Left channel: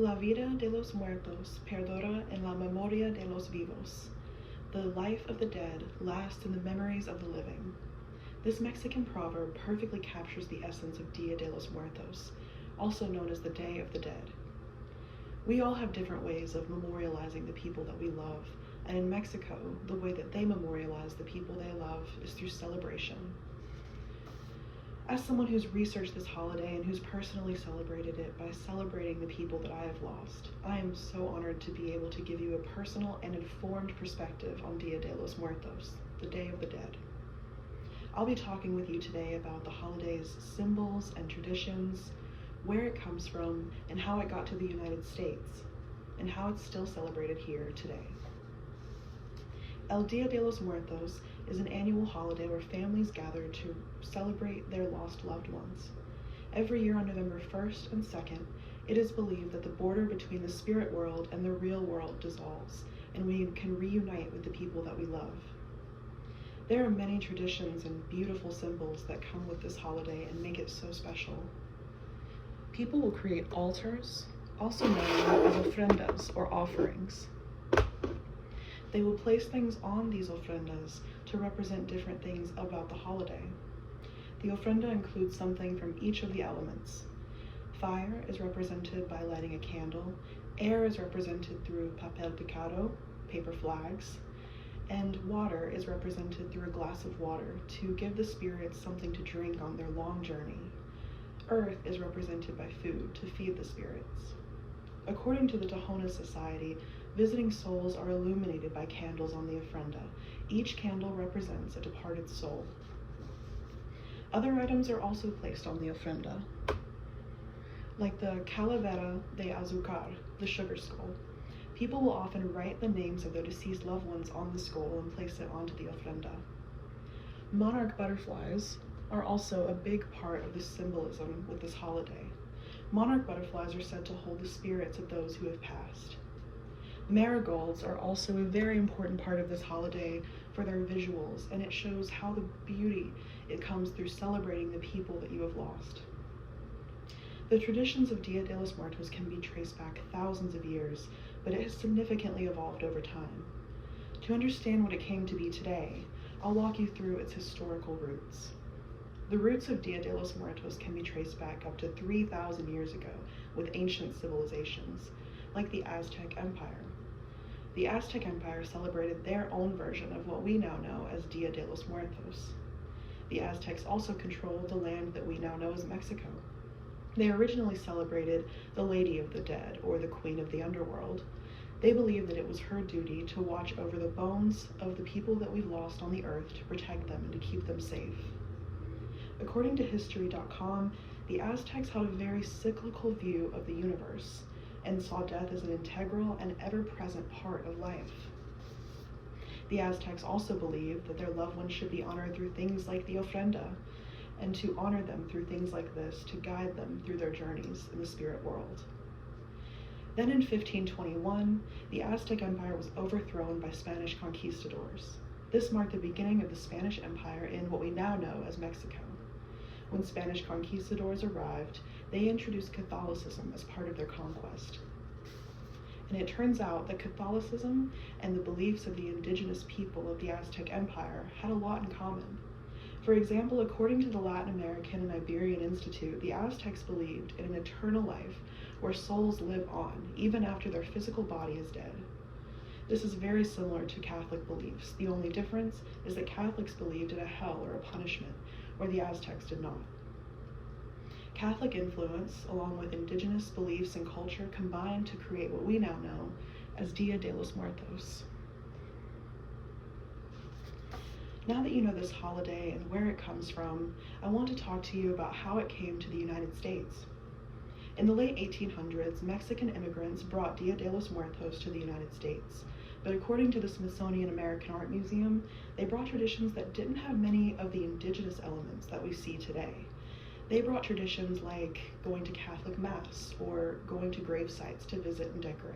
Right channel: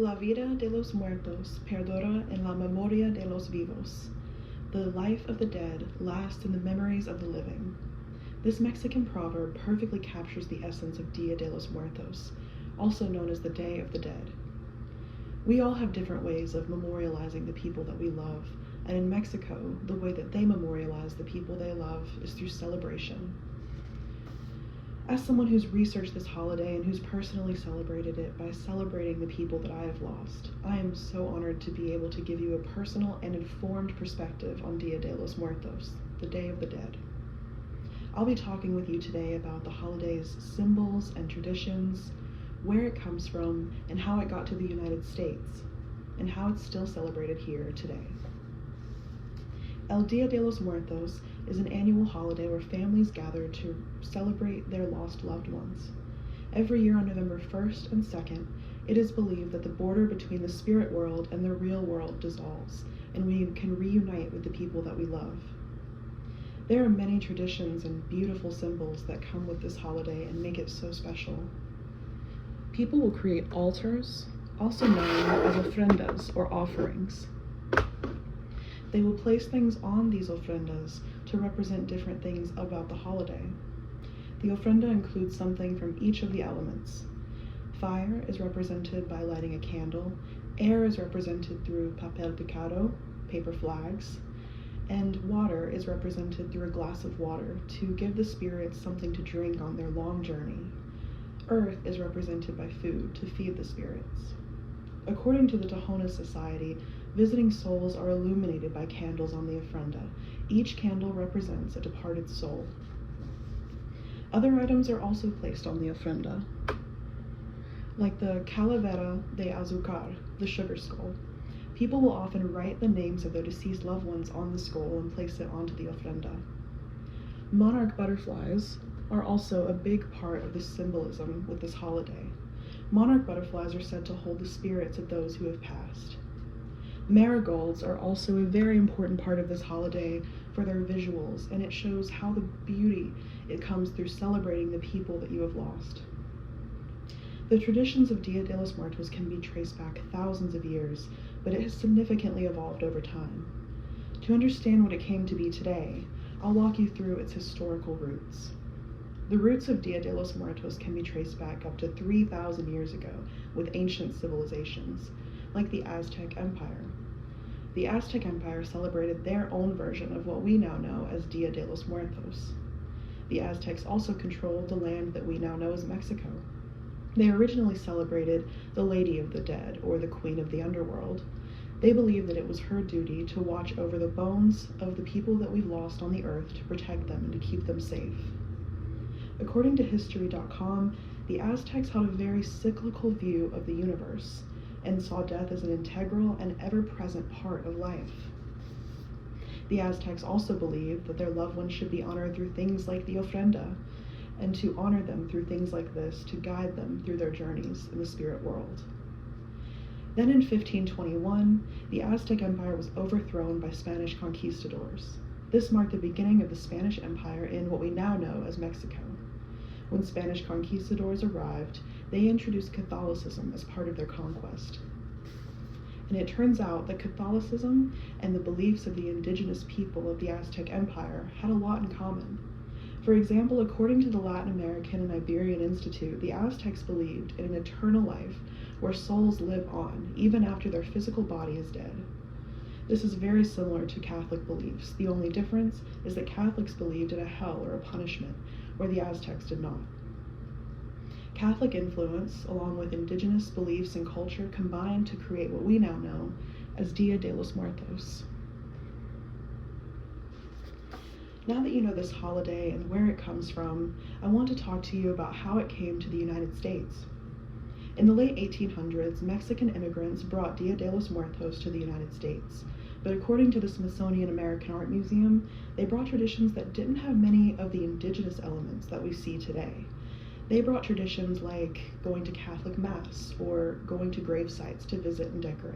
La vida de los muertos perdura en la memoria de los vivos. The life of the dead lasts in the memories of the living. This Mexican proverb perfectly captures the essence of Dia de los Muertos, also known as the Day of the Dead. We all have different ways of memorializing the people that we love, and in Mexico, the way that they memorialize the people they love is through celebration. As someone who's researched this holiday and who's personally celebrated it by celebrating the people that I have lost, I am so honored to be able to give you a personal and informed perspective on Dia de los Muertos, the Day of the Dead. I'll be talking with you today about the holiday's symbols and traditions, where it comes from, and how it got to the United States, and how it's still celebrated here today. El Dia de los Muertos is an annual holiday where families gather to celebrate their lost loved ones. Every year on November 1st and 2nd, it is believed that the border between the spirit world and the real world dissolves, and we can reunite with the people that we love. There are many traditions and beautiful symbols that come with this holiday and make it so special. People will create altars, also known as ofrendas or offerings. They will place things on these ofrendas to represent different things about the holiday. The ofrenda includes something from each of the elements. Fire is represented by lighting a candle, air is represented through papel picado, paper flags, and water is represented through a glass of water to give the spirits something to drink on their long journey. Earth is represented by food to feed the spirits. According to the Tohono Society, visiting souls are illuminated by candles on the ofrenda. Each candle represents a departed soul. Other items are also placed on the ofrenda, like the calavera de azúcar, the sugar skull. People will often write the names of their deceased loved ones on the skull and place it onto the ofrenda. Monarch butterflies are also a big part of the symbolism with this holiday. Monarch butterflies are said to hold the spirits of those who have passed. Marigolds are also a very important part of this holiday for their visuals, and it shows how the beauty it comes through celebrating the people that you have lost. The traditions of Dia de los Muertos can be traced back thousands of years, but it has significantly evolved over time. To understand what it came to be today, I'll walk you through its historical roots. The roots of Dia de los Muertos can be traced back up to 3,000 years ago with ancient civilizations, like the Aztec Empire. The Aztec Empire celebrated their own version of what we now know as Dia de los Muertos. The Aztecs also controlled the land that we now know as Mexico. They originally celebrated the Lady of the Dead, or the Queen of the Underworld. They believed that it was her duty to watch over the bones of the people that we lost on the earth to protect them and to keep them safe. According to History.com, the Aztecs had a very cyclical view of the universe and saw death as an integral and ever-present part of life. The Aztecs also believed that their loved ones should be honored through things like the ofrenda, and to honor them through things like this to guide them through their journeys in the spirit world. Then in 1521, the Aztec Empire was overthrown by Spanish conquistadors. This marked the beginning of the Spanish Empire in what we now know as Mexico. When Spanish conquistadors arrived, they introduced Catholicism as part of their conquest. And it turns out that Catholicism and the beliefs of the indigenous people of the Aztec Empire had a lot in common. For example, according to the Latin American and Iberian Institute, the Aztecs believed in an eternal life where souls live on, even after their physical body is dead. This is very similar to Catholic beliefs. The only difference is that Catholics believed in a hell or a punishment, where the Aztecs did not. Catholic influence, along with indigenous beliefs and culture, combined to create what we now know as Dia de los Muertos. Now that you know this holiday and where it comes from, I want to talk to you about how it came to the United States. In the late 1800s, Mexican immigrants brought Dia de los Muertos to the United States, but according to the Smithsonian American Art Museum, they brought traditions that didn't have many of the indigenous elements that we see today. They brought traditions like going to Catholic Mass or going to grave sites to visit and decorate.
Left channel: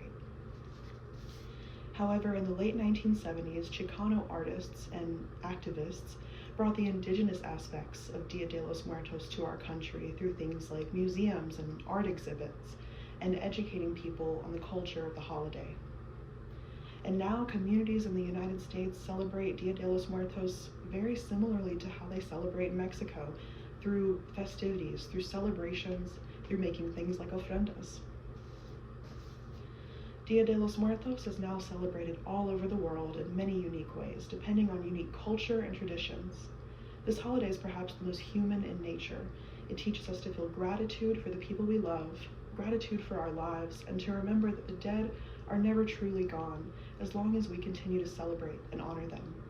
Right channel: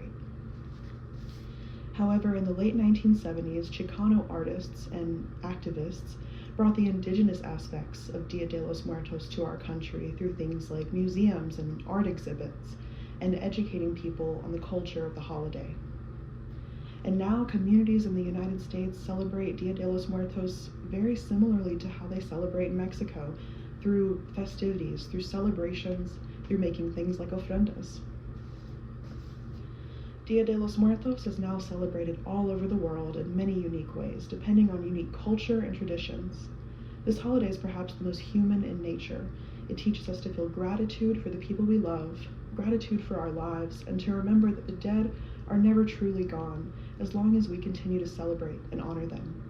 However, in the late 1970s, Chicano artists and activists brought the indigenous aspects of Dia de los Muertos to our country through things like museums and art exhibits, and educating people on the culture of the holiday. And now communities in the United States celebrate Dia de los Muertos very similarly to how they celebrate in Mexico, through festivities, through celebrations, through making things like ofrendas. Dia de los Muertos is now celebrated all over the world in many unique ways, depending on unique culture and traditions. This holiday is perhaps the most human in nature. It teaches us to feel gratitude for the people we love, gratitude for our lives, and to remember that the dead are never truly gone, as long as we continue to celebrate and honor them.